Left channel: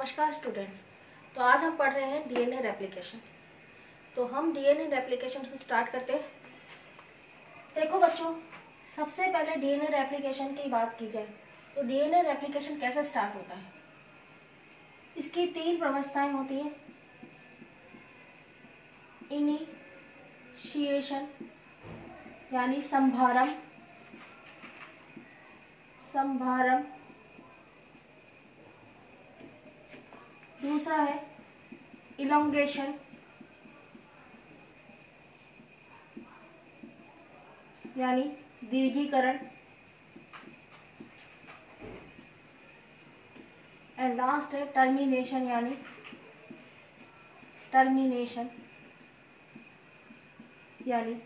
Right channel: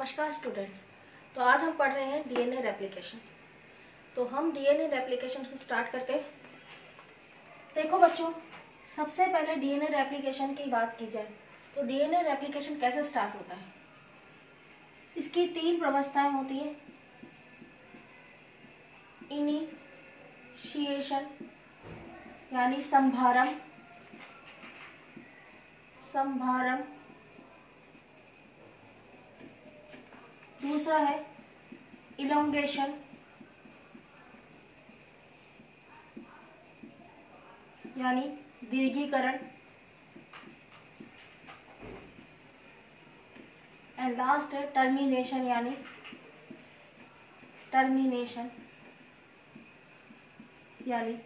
नमस्कार स्टूडेंट्स। तो आज हम पढ़ रहे हैं डीएनए रेप्लिकेशन। तो हम डीएनए रेप्लिकेशन को स्टार्ट करते हैं। देखो बच्चों, सबसे पहले डीएनए रेप्लिकेशन की बात की जाए तो डीएनए रेप्लिकेशन कैसे स्टार्ट होता है। इसकी 3 व्यवस्थाएं होती हैं। इनिशिएशन यानी संभारम, दूसरा है इलोंगेशन यानी दीर्घीकरण, एंड लास्ट है टर्मिनेशन यानी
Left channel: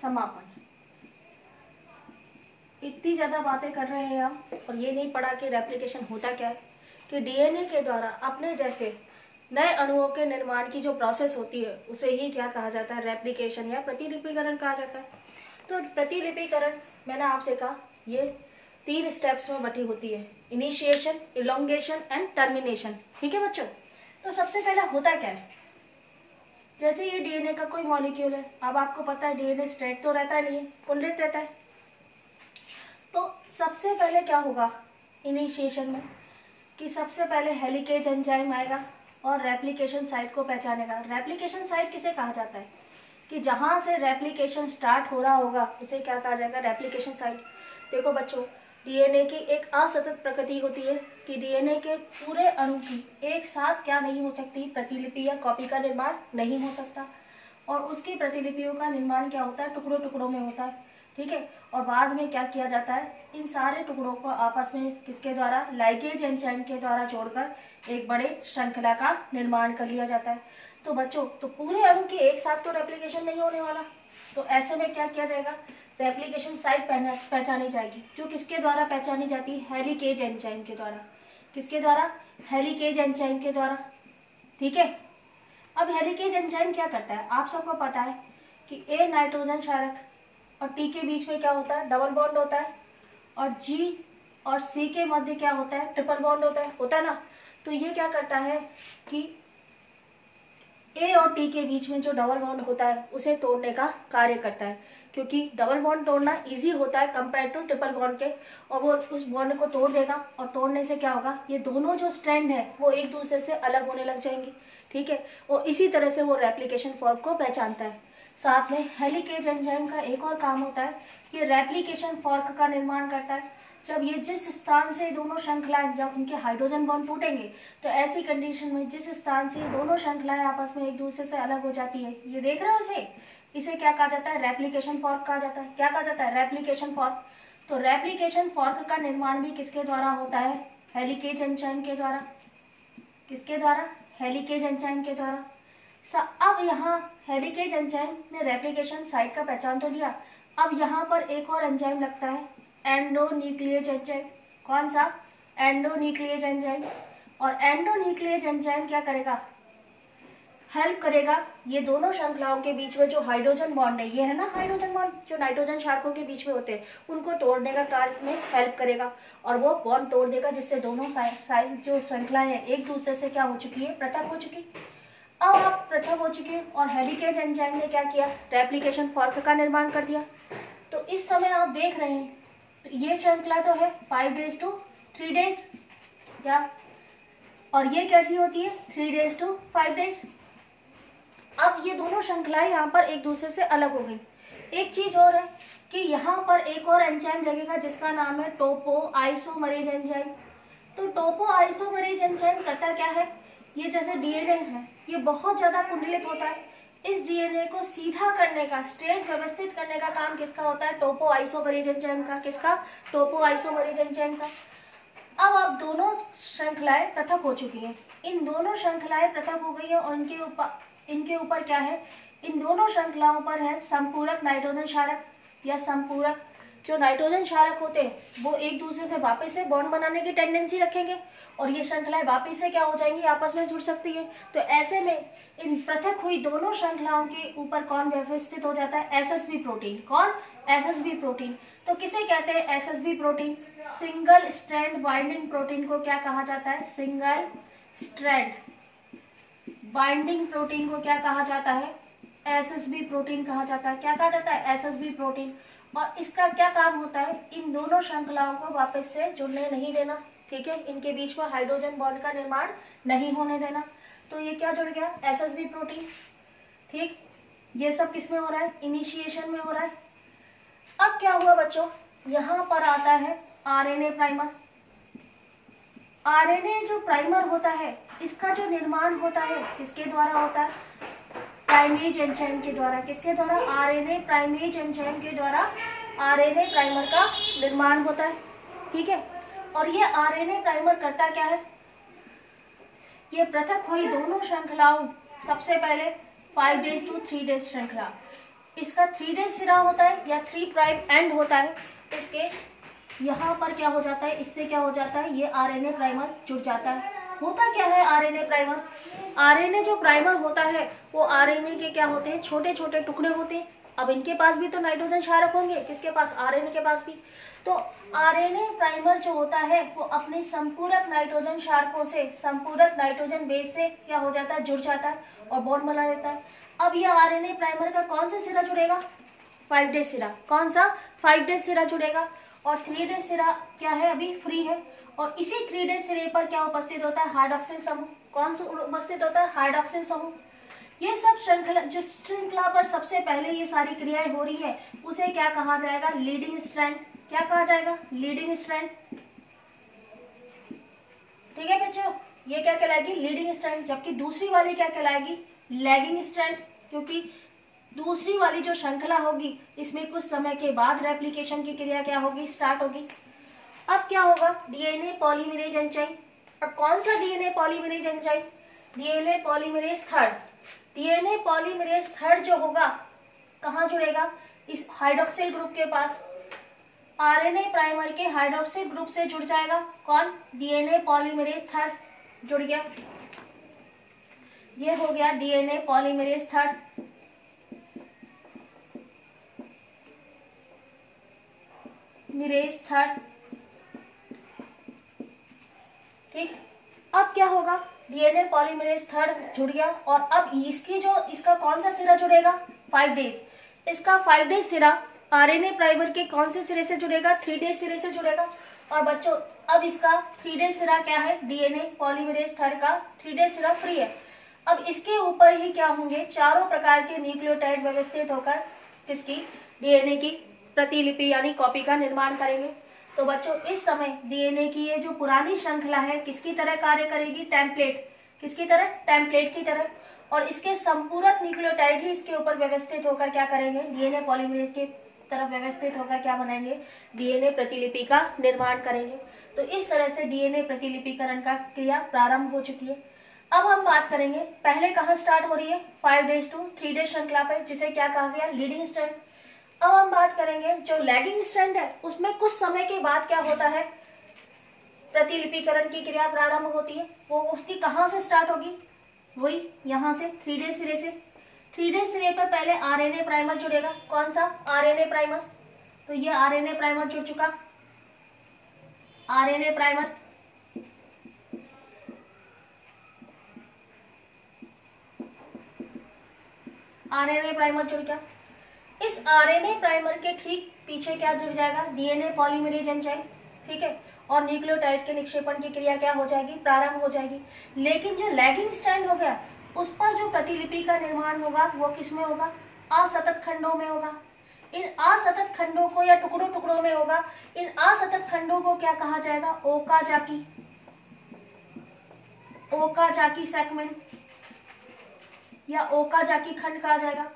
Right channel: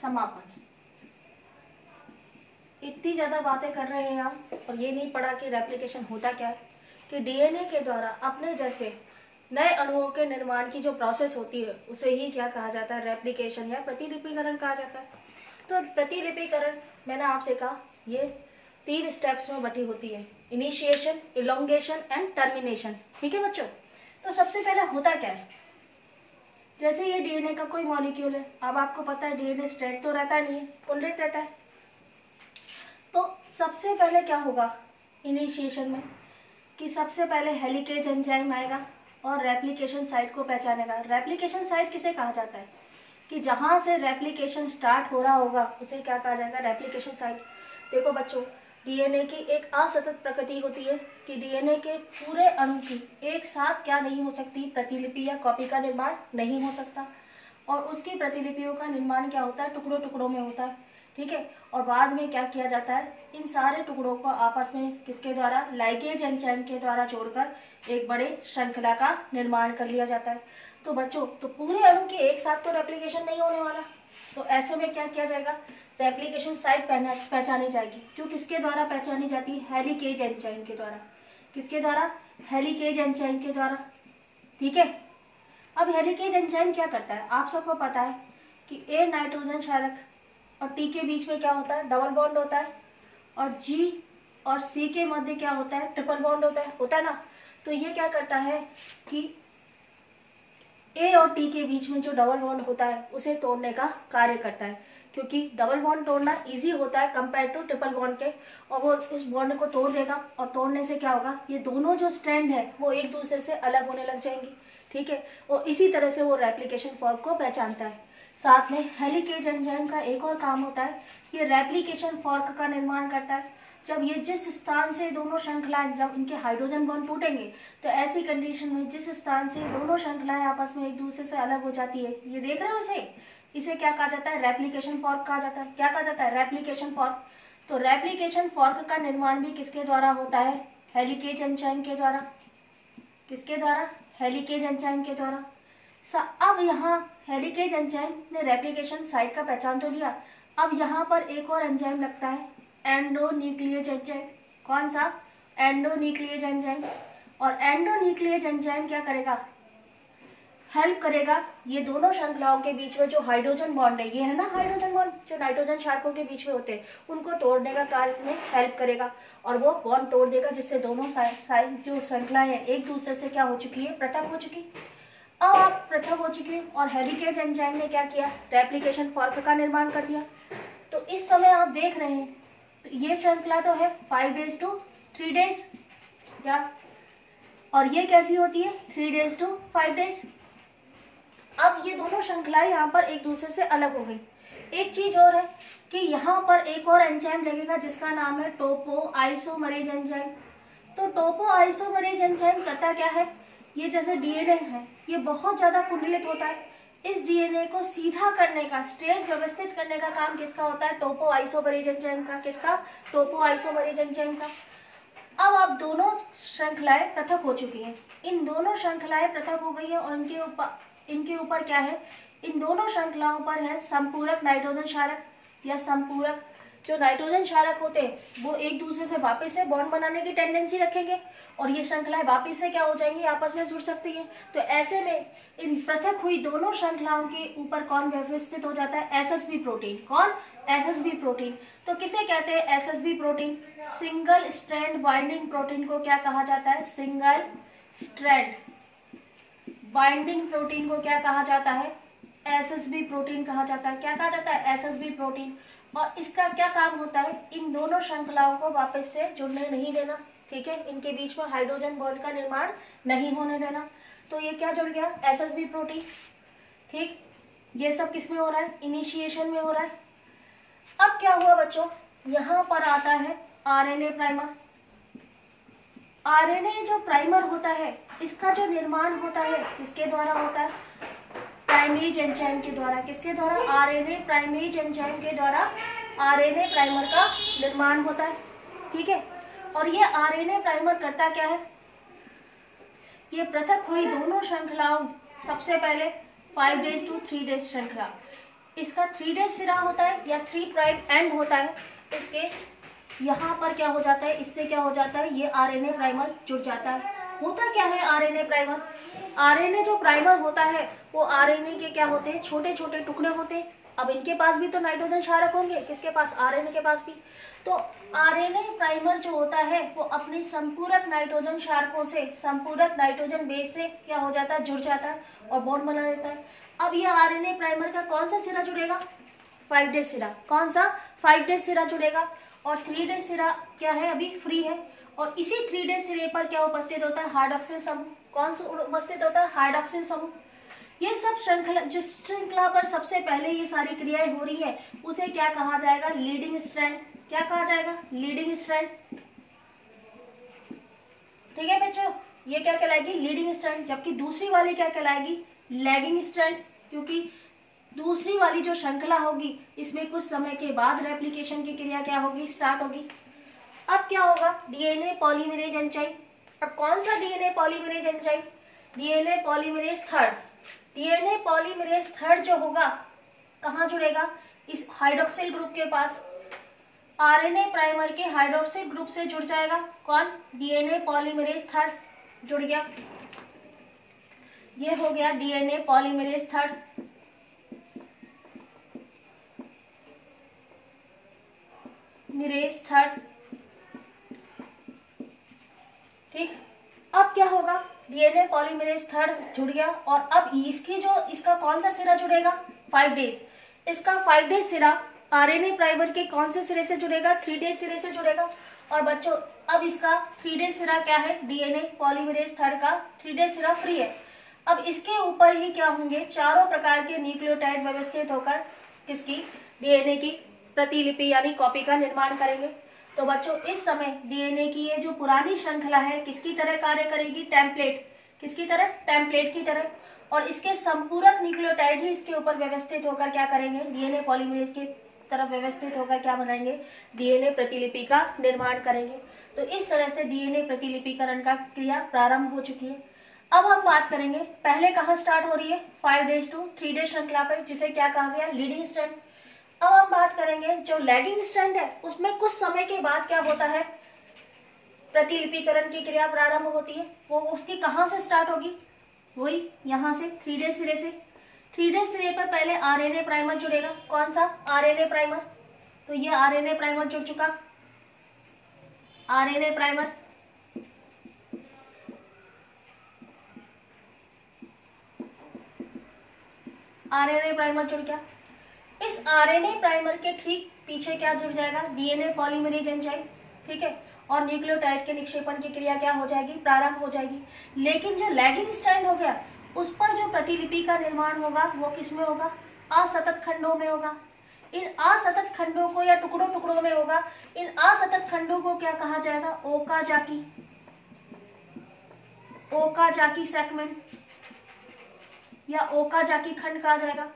समापन। इतनी ज्यादा बातें कर रहे हैं हम और ये नहीं पढ़ा कि रेप्लिकेशन होता क्या है, कि डीएनए के द्वारा अपने जैसे नए अणुओं के निर्माण की जो प्रोसेस होती है उसे ही क्या कहा जाता है, रेप्लिकेशन या प्रतिलिपिकरण कहा जाता है। तो प्रतिलिपिकरण मैंने आपसे कहा ये 3 स्टेप्स में बटी होती है, इनिशिएशन, इलोंगेशन एंड टर्मिनेशन। ठीक है बच्चों। तो सबसे पहले होता क्या है, जैसे ये डीएनए का कोई मॉलिक्यूल है। अब आपको पता है डीएनए स्ट्रेट तो रहता नहीं है, कुंडलित रहता है। तो सबसे पहले क्या होगा इनिशिएशन में कि सबसे पहले हेलिकेज एंजाइम आएगा और रेप्लिकेशन साइट को पहचानेगा। रेप्लिकेशन साइट किसे कहा जाता है कि जहां से रेप्लिकेशन स्टार्ट हो रहा होगा उसे क्या कहा जाएगा, रेप्लिकेशन साइट। देखो बच्चों, डीएनए की एक असतत प्रकृति होती है कि डीएनए के पूरे अणु की एक साथ क्या नहीं हो सकती, प्रतिलिपि या कॉपी का निर्माण नहीं हो सकता। और उसकी प्रतिलिपियों का निर्माण क्या होता है, टुकड़ों टुकड़ों में होता है। ठीक है। और बाद में क्या किया जाता है, इन सारे टुकड़ों को आपस में किसके द्वारा, लाइगेज एंजाइम के द्वारा जोड़कर एक बड़े श्रृंखला का निर्माण कर लिया जाता है। तो बच्चों, तो पूरे अणु की एक साथ तो रेप्लिकेशन नहीं होने वाला। तो ऐसे में क्या किया जाएगा, रेप्लिकेशन साइट पहचानी जाएगी। जो किसके द्वारा पहचानी जाती है, हेलिकेज एंजाइम के द्वारा। किसके द्वारा, हेलिकेज एंजाइम के द्वारा। ठीक है। अब हेलिकेज एंजाइम क्या करता है, आप सबको पता है कि ए नाइट्रोजन क्षारक और टी के बीच में क्या होता है, डबल बॉन्ड होता है। और जी और सी के मध्य क्या होता है, ट्रिपल बॉन्ड होता है ना। तो ये क्या करता है कि ए और टी के बीच में जो डबल बॉन्ड होता है उसे तोड़ने का कार्य करता है, क्योंकि डबल बॉन्ड तोड़ना इजी होता है कंपेयर टू ट्रिपल बॉन्ड के। और वो उस बॉन्ड को तोड़ देगा और तोड़ने से क्या होगा, ये दोनों जो स्ट्रैंड है वो एक दूसरे से अलग होने लग जाएंगे। ठीक है। और इसी तरह से वो रेप्लिकेशन फॉर्क को पहचानता है। साथ में हेलिकेज एंजाइम का एक और काम होता है, ये रेप्लिकेशन फॉर्क का निर्माण करता है। जब ये जिस स्थान से दोनों श्रृंखलाएं, जब इनके हाइड्रोजन बॉन्ड टूटेंगे तो ऐसी कंडीशन में जिस स्थान से दोनों श्रृंखलाएं आपस में एक दूसरे से अलग हो जाती है, ये देख रहे हो इसे क्या कहा जाता है, रेप्लिकेशन फॉर्क कहा जाता है। क्या कहा जाता है, रेप्लिकेशन फॉर्क। तो रेप्लिकेशन फॉर्क का निर्माण भी किसके द्वारा होता है, हेलिकेज एंजाइम के द्वारा। किसके द्वारा, हेलिकेज एंजाइम के द्वारा। अब यहाँ हेलिकेज एंजाइम ने रेप्लिकेशन साइट का पहचान तो लिया। अब यहाँ पर एक और एंजाइम लगता है, एंडोन्यूक्लियेज एंजाइम। कौन सा, एंडोन्यूक्लियेज एंजाइम। और एंडोन्यूक्लियेज एंजाइम क्या करेगा, हेल्प करेगा ये दोनों श्रृंखलाओं के बीच में जो हाइड्रोजन बॉन्ड है, ये है ना हाइड्रोजन बॉन्ड जो नाइट्रोजन क्षारकों के बीच में होते हैं, उनको तोड़ने का कार्य में हेल्प करेगा। और वो बॉन्ड तोड़ देगा जिससे दोनों साइड जो श्रृंखलाएं हैं एक दूसरे से क्या हो चुकी है, पृथक हो चुकी। अब आप पृथक हो चुके और हेलिकेज एंजाइम ने क्या किया, रेप्लिकेशन फॉर्क का निर्माण कर दिया। तो इस समय आप देख रहे हैं तो ये श्रृंखला तो है 5 days to 3 days या, और ये कैसी होती है 3 days to 5 days। अब ये दोनों श्रृंखलाएं यहाँ पर एक दूसरे से अलग हो गई। एक चीज और है कि यहाँ पर एक और एंजाइम लगेगा जिसका नाम है टोपो आइसोमरेज एंजाइम। तो टोपो आइसोमरेज एंजाइम करता क्या है, ये जैसे डीएनए है ये बहुत ज्यादा कुंडलित होता है। इस डीएनए को सीधा करने का, स्ट्रेट व्यवस्थित करने का काम किसका होता है, टोपो आइसोमरेज एंजाइम का। किसका, टोपो आइसोमरेज एंजाइम का। अब दोनों श्रृंखलाएं पृथक हो चुकी हैं। इन दोनों श्रृंखलाएं पृथक हो गई है और इनके ऊपर क्या है, इन दोनों श्रृंखलाओं पर है संपूरक नाइट्रोजन क्षारक या संपूरक। जो नाइट्रोजन क्षारक होते हैं वो एक दूसरे से वापस से बॉन्ड बनाने की टेंडेंसी रखेंगे और ये श्रृंखलाएं वापस से क्या हो जाएंगी, आपस में जुड़ सकती है। तो ऐसे में इन पृथक हुई दोनों श्रृंखलाओं के ऊपर कौन व्यवस्थित हो जाता है, एसएसबी प्रोटीन। कौन, एसएसबी प्रोटीन। तो किसे कहते हैं SSB protein, single strand binding protein को क्या कहा जाता है, सिंगल स्ट्रैंड। बाइंडिंग प्रोटीन को क्या कहा जाता है? एसएसबी प्रोटीन कहा जाता है। क्या कहा जाता है? SSB protein. और इसका क्या काम होता है? इन दोनों श्रृंखलाओं को वापस से जुड़ने नहीं देना, ठीक है, इनके बीच में हाइड्रोजन बॉन्ड का निर्माण नहीं होने देना। तो ये क्या जुड़ गया? SSB protein. ठीक, ये सब किस में हो रहा है? इनिशिएशन में हो रहा है। अब क्या हुआ बच्चों, यहां पर आता है आरएनए प्राइमर। आरएनए जो प्राइमर होता है, इसका जो निर्माण होता है किसके द्वारा होता है? प्राइमेज एंजाइम के द्वारा। किसके द्वारा? आरएनए प्राइमेज एंजाइम के द्वारा आरएनए प्राइमर का निर्माण होता है, ठीक है। और ये आरएनए प्राइमर करता क्या है? ये पृथक हुई दोनों श्रृंखलाओं, सबसे पहले 5 डेज टू 3 डेज श्रृंखला, इसका 3 डेज सिरा होता है या 3 प्राइम एंड होता है, इसके यहाँ पर क्या हो जाता है? इससे क्या हो जाता है? ये आरएनए प्राइमर जुड़ जाता है। होता क्या है आरएनए प्राइमर? आरएनए जो प्राइमर होता है वो आरएनए के क्या होते हैं? छोटे छोटे टुकड़े होते हैं। अब इनके पास भी तो नाइट्रोजन क्षारक होंगे, किसके पास? आरएनए के पास भी। तो आरएनए प्राइमर जो होता है वो अपने संपूरक नाइट्रोजन क्षारकों से, संपूरक नाइट्रोजन बेस से क्या हो जाता है? जुड़ जाता है और बॉन्ड बना लेता है। अब ये आरएनए प्राइमर का कौन सा सिरा जुड़ेगा? 5 डेज सिरा। कौन सा? 5 डेज सिरा जुड़ेगा। और 3 डेज सिरा क्या है? अभी फ्री है। और इसी 3 डेज सिरे पर क्या उपस्थित होता है? हाइड्रॉक्सिल समूह। कौन सा उपस्थित होता है? हाइड्रॉक्सिल समूह। ये सब श्रृंखला, जिस श्रृंखला पर सबसे पहले ये सारी क्रियाएं हो रही है उसे क्या कहा जाएगा? Leading strand. क्या कहा जाएगा? Leading strand. ठीक है बच्चों, ये क्या कहलाएगी? Leading strand. जबकि दूसरी वाली क्या कहलाएगी? Lagging strand. क्योंकि दूसरी वाली जो श्रृंखला होगी इसमें कुछ समय के बाद रेप्लिकेशन की क्रिया क्या होगी? स्टार्ट होगी। अब क्या होगा? DNA polymerase enzyme. अब कौन सा DNA polymerase enzyme? DNA polymerase third. DNA polymerase third जो होगा कहाँ जुड़ेगा? इस हाइड्रोक्सिल ग्रुप के पास। आरएनए प्राइमर के हाइड्रोक्सिल ग्रुप से जुड़ जाएगा। कौन? डीएनए पॉलीमरेज थर्ड जुड़ गया। ये हो गया DNA polymerase third. Mirage third. ठीक, अब क्या होगा? डीएनए पॉलीमरेज थर्ड जुड़ गया। और अब इसका कौन सा सिरा जुड़ेगा? 5 डेज। इसका 5 डेज सिरा आरएनए प्राइमर के कौन से सिरे से जुड़ेगा? 3 डेज सिरे से जुड़ेगा। और बच्चों अब इसका 3 डेज सिरा क्या है? डीएनए पॉलीमरेज थर्ड का 3 डेज सिरा फ्री है। अब इसके ऊपर ही क्या होंगे? चारों प्रकार के न्यूक्लियोटाइड व्यवस्थित होकर किसकी? डीएनए की प्रतिलिपि यानी कॉपी का निर्माण करेंगे। तो बच्चों इस समय डीएनए की ये जो पुरानी श्रृंखला है किसकी तरह कार्य करेगी? टेम्पलेट। किसकी तरह? टेम्पलेट की तरह। और इसके संपूरक न्यूक्लियोटाइड ही इसके ऊपर व्यवस्थित होकर क्या करेंगे? डीएनए पॉलीमरेज की तरफ व्यवस्थित होकर क्या बनाएंगे? डीएनए प्रतिलिपि का निर्माण करेंगे। तो इस तरह से डीएनए प्रतिलिपिकरण का क्रिया प्रारंभ हो चुकी है। अब हम बात करेंगे पहले कहाँ स्टार्ट हो रही है? 5 डेज टू 3 डेज श्रृंखला पे, जिसे क्या कहा गया? Leading strand. अब हम बात करेंगे जो लैगिंग स्ट्रैंड है उसमें कुछ समय के बाद क्या होता है? प्रतिलिपिकरण की क्रिया प्रारंभ होती है। वो उसकी कहाँ से स्टार्ट होगी? वही यहाँ से 3 डेज सिरे से। 3 डेज सिरे पर पहले आरएनए प्राइमर जुड़ेगा। कौन सा? RNA primer. तो ये आरएनए प्राइमर जुड़ चुका। आरएनए प्राइमर आरएनए प्राइमर जुड़ गया। इस आरएनए प्राइमर के ठीक पीछे क्या जुड़ जाएगा? DNA polymerase enzyme. ठीक है, और न्यूक्लियोटाइड के निक्षेपण की क्रिया क्या हो जाएगी? प्रारंभ हो जाएगी। लेकिन जो लैगिंग स्ट्रैंड हो गया उस पर जो प्रतिलिपि का निर्माण होगा वो किसमें होगा? असतत खंडों में होगा। इन असतत खंडों को या टुकड़ों टुकड़ों में होगा। इन असतत खंडों को क्या कहा जाएगा? ओकाजाकी। ओकाजाकी सेगमेंट या ओकाजाकी खंड कहा जाएगा।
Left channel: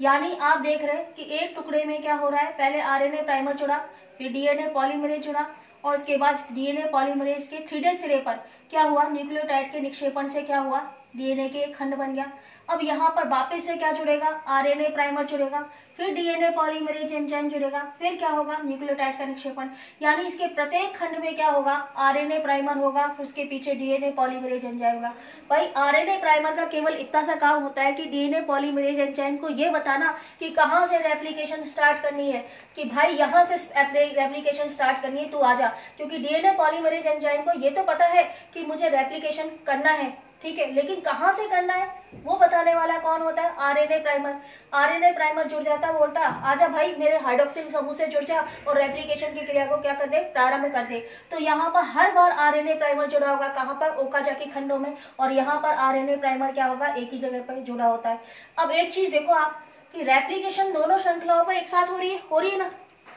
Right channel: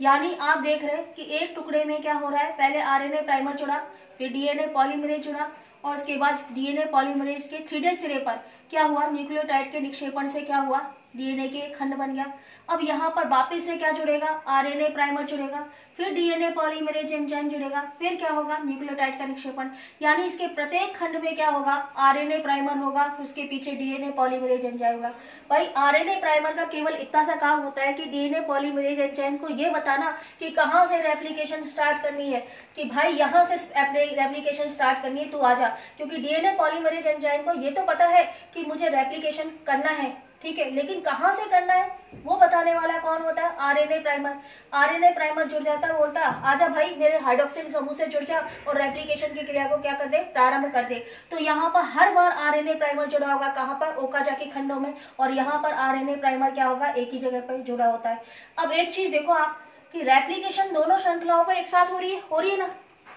यानी आप देख रहे हैं कि एक टुकड़े में क्या हो रहा है? पहले आरएनए प्राइमर जुड़ा, फिर डीएनए पॉलीमरेज जुड़ा, और उसके बाद डीएनए पॉलीमरेज के 3 डेज सिरे पर क्या हुआ? न्यूक्लियोटाइड के निक्षेपण से क्या हुआ? डीएनए के एक खंड बन गया। अब यहाँ पर वापस से क्या जुड़ेगा, आरएनए प्राइमर जुड़ेगा, फिर डीएनए पॉलीमरेज एंजाइम जुड़ेगा, फिर क्या होगा, न्यूक्लियोटाइड का निक्षेपण। यानी इसके प्रत्येक खंड में क्या होगा, आरएनए प्राइमर होगा, फिर उसके पीछे डीएनए पॉलीमरेज एंजाइम होगा। भाई आरएनए प्राइमर का केवल इतना सा काम होता है कि डीएनए पॉलीमरेज एंजाइम को ये बताना कि कहाँ से रेप्लिकेशन स्टार्ट करनी है, कि भाई यहाँ से रेप्लिकेशन स्टार्ट करनी है, तू आजा। क्योंकि डीएनए पॉलीमरेज एंजाइम को ये तो पता है कि मुझे रेप्लिकेशन करना है, ठीक है, लेकिन कहाँ से करना है वो बताने वाला कौन होता है, आरएनए प्राइमर। आरएनए प्राइमर जुड़ जाता है, बोलता है आजा भाई मेरे हाइड्रोक्सिल समूह से जुड़ जा और रेप्लिकेशन की क्रिया को क्या कर दे, प्रारंभ कर दे। तो यहाँ पर हर बार आरएनए प्राइमर जुड़ा होगा, कहाँ पर, ओकाजाकी खंडों में, और यहाँ पर आरएनए प्राइमर क्या होगा, एक ही जगह पर जुड़ा होता है। अब एक चीज देखो आप कि रेप्लिकेशन दोनों श्रृंखलाओं पर एक साथ हो रही है ना,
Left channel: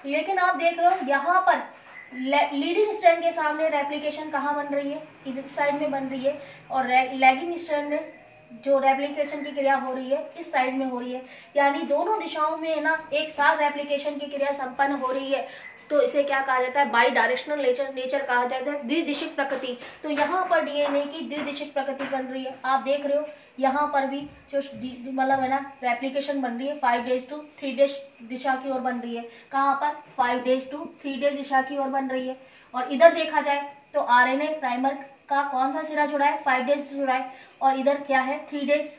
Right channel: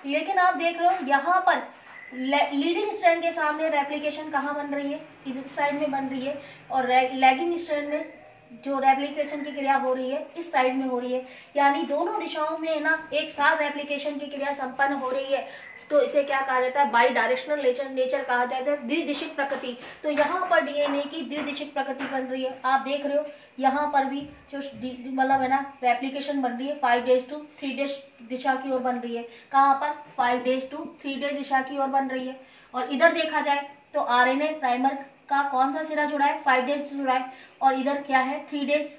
लेकिन आप देख रहे हो यहाँ पर लीडिंग स्ट्रैंड के सामने रेप्लिकेशन कहाँ बन रही है, इस साइड में बन रही है, और लैगिंग स्ट्रैंड में जो रेप्लिकेशन की क्रिया हो रही है इस साइड में हो रही है। यानी दोनों दिशाओं में ना एक साथ रेप्लिकेशन की क्रिया संपन्न हो रही है। तो इसे क्या कहा जाता है, बाई डायरेक्शनल नेचर कहा जाता है, द्विदिशिक प्रकृति। तो यहाँ पर डीएनए की द्विदिशिक प्रकृति बन रही है। आप देख रहे हो यहाँ पर भी जो मतलब है ना रेप्लिकेशन बन रही है 5 days to 3 days दिशा की ओर बन रही है। कहाँ पर, 5 days to 3 days दिशा की ओर बन रही है। और इधर देखा जाए तो आरएनए प्राइमर का कौन सा सिरा जुड़ा है, 5 days जुड़ा है, और इधर क्या है, 3 days।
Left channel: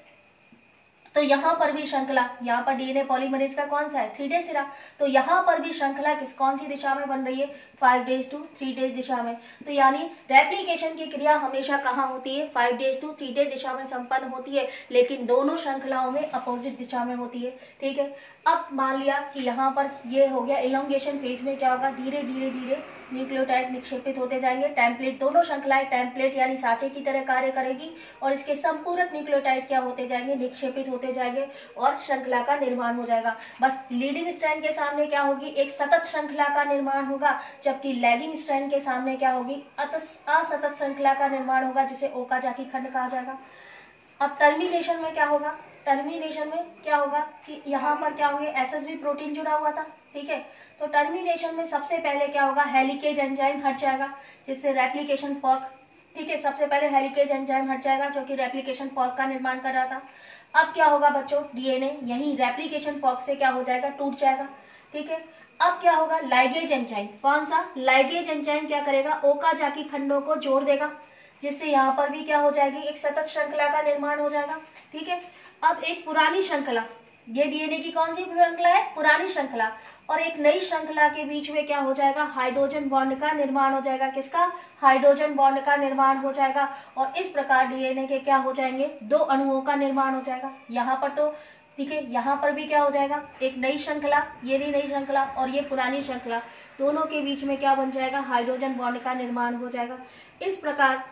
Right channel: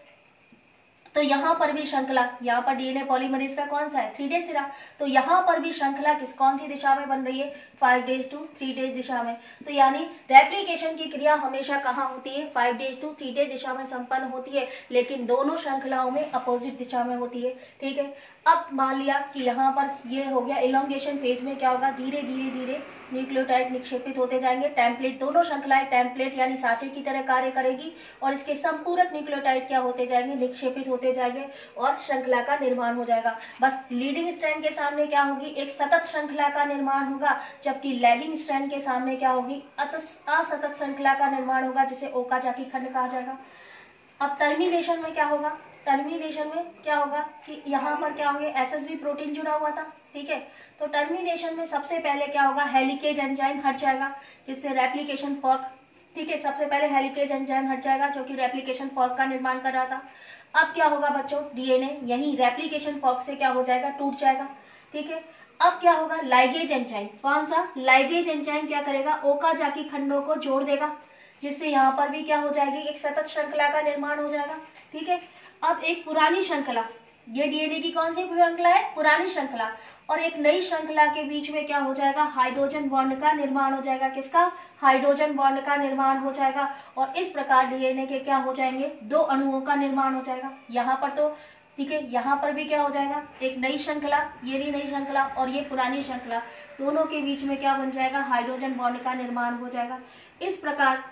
तो यहाँ पर भी श्रृंखला, यहाँ पर डीएनए पॉलीमरेज का कौन सा है, 3 days सिरा। तो यहाँ पर भी श्रृंखला कौन सी दिशा में बन रही है, 5 days to 3 days दिशा में। तो यानी रेप्लिकेशन की क्रिया हमेशा कहाँ होती है, 5 days to 3 days दिशा में संपन्न होती है, लेकिन दोनों श्रृंखलाओं में अपोजिट दिशा में होती है, ठीक है। अब मान लिया कि यहाँ पर ये हो गया, इलोंगेशन फेज में क्या होगा, धीरे धीरे धीरे न्यूक्लियोटाइड निक्षेपित होते जाएंगे। टेम्पलेट, दोनों श्रृंखलाएं टेम्पलेट यानी सांचे की तरह कार्य करेगी, और इसके संपूरक न्यूक्लियोटाइड क्या होते जाएंगे, निक्षेपित होते जाएंगे, और श्रृंखला का निर्माण हो जाएगा। बस लीडिंग स्ट्रैंड के सामने क्या होगी, एक सतत श्रृंखला का निर्माण होगा, जबकि लैगिंग स्ट्रैंड के सामने क्या होगी, असतत श्रृंखला का निर्माण होगा, जिसे ओकाजाकी खंड कहा जाएगा। अब टर्मिनेशन में क्या होगा, टर्मिनेशन में क्या होगा कि यहाँ पर क्या होगा, एसएसबी प्रोटीन जुड़ा हुआ था, ठीक है। तो टर्मिनेशन में सबसे पहले क्या होगा, हेलिकेज एंजाइम हट जाएगा, जिससे रेप्लिकेशन फॉर्क, ठीक है, सबसे पहले हेलिकेज एंजाइम हट जाएगा जो कि रेप्लिकेशन फॉर्क का निर्माण कर रहा था। अब क्या होगा बच्चों, डीएनए यही रेप्लिकेशन फॉर्क से क्या हो जाएगा, टूट जाएगा, ठीक है। अब क्या होगा, लाइगेज एंजाइम, कौन सा, लाइगेज एंजाइम क्या करेगा, ओकाजाकी खंडों को जोड़ देगा, जिससे यहाँ पर भी क्या हो जाएगी, एक सतत श्रृंखला का निर्माण हो जाएगा, ठीक है। अब एक पुरानी श्रृंखला, ये डीएनए की कौन सी श्रृंखला है, पुरानी श्रृंखला, और एक नई श्रृंखला के बीच में क्या हो जाएगा, हाइड्रोजन बॉन्ड का निर्माण हो जाएगा। किसका, हाइड्रोजन बॉन्ड का निर्माण हो जाएगा, और इस प्रकार डीएनए के क्या हो जाएंगे, 2 अणुओं का निर्माण हो जाएगा। यहाँ पर तो ठीक है, यहाँ पर भी क्या हो जाएगा, एक नई श्रृंखला, ये नई श्रृंखला और ये पुरानी श्रृंखला, दोनों के बीच में क्या बन जाएगा, हाइड्रोजन बॉन्ड का निर्माण हो जाएगा। इस प्रकार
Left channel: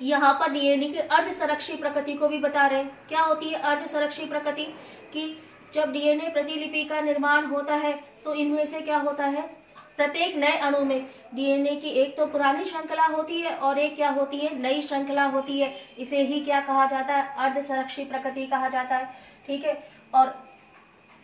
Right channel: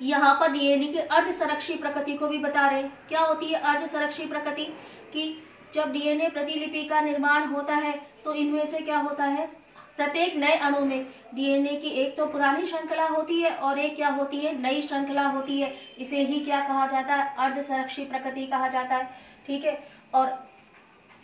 यहाँ पर डीएनए की अर्धसंरक्षी प्रकृति को भी बता रहे हैं। क्या होती है अर्धसंरक्षी प्रकृति, कि जब डीएनए प्रतिलिपि का निर्माण होता है तो इनमें से क्या होता है, प्रत्येक नए अणु में डीएनए की एक तो पुरानी श्रृंखला होती है और एक क्या होती है, नई श्रृंखला होती है। इसे ही क्या कहा जाता है, अर्धसंरक्षी प्रकृति कहा जाता है, ठीक है। और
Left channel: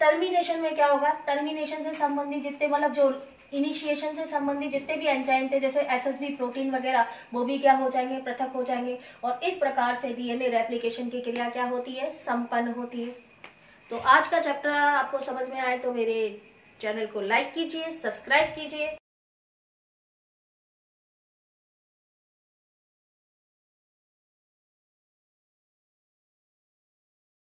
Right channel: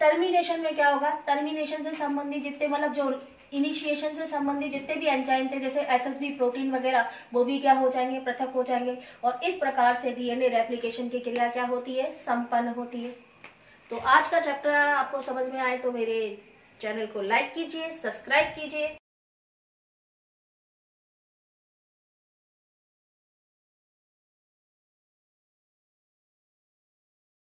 टर्मिनेशन में क्या होगा, टर्मिनेशन से संबंधित जितने मतलब जो इनिशिएशन से संबंधित जितने भी एंजाइम थे जैसे एसएसबी प्रोटीन वगैरह, वो भी क्या हो जाएंगे, पृथक हो जाएंगे, और इस प्रकार से डीएनए रेप्लिकेशन की क्रिया क्या होती है, संपन्न होती है। तो आज का चैप्टर आपको समझ में आए तो मेरे चैनल को लाइक कीजिए, सब्सक्राइब कीजिए।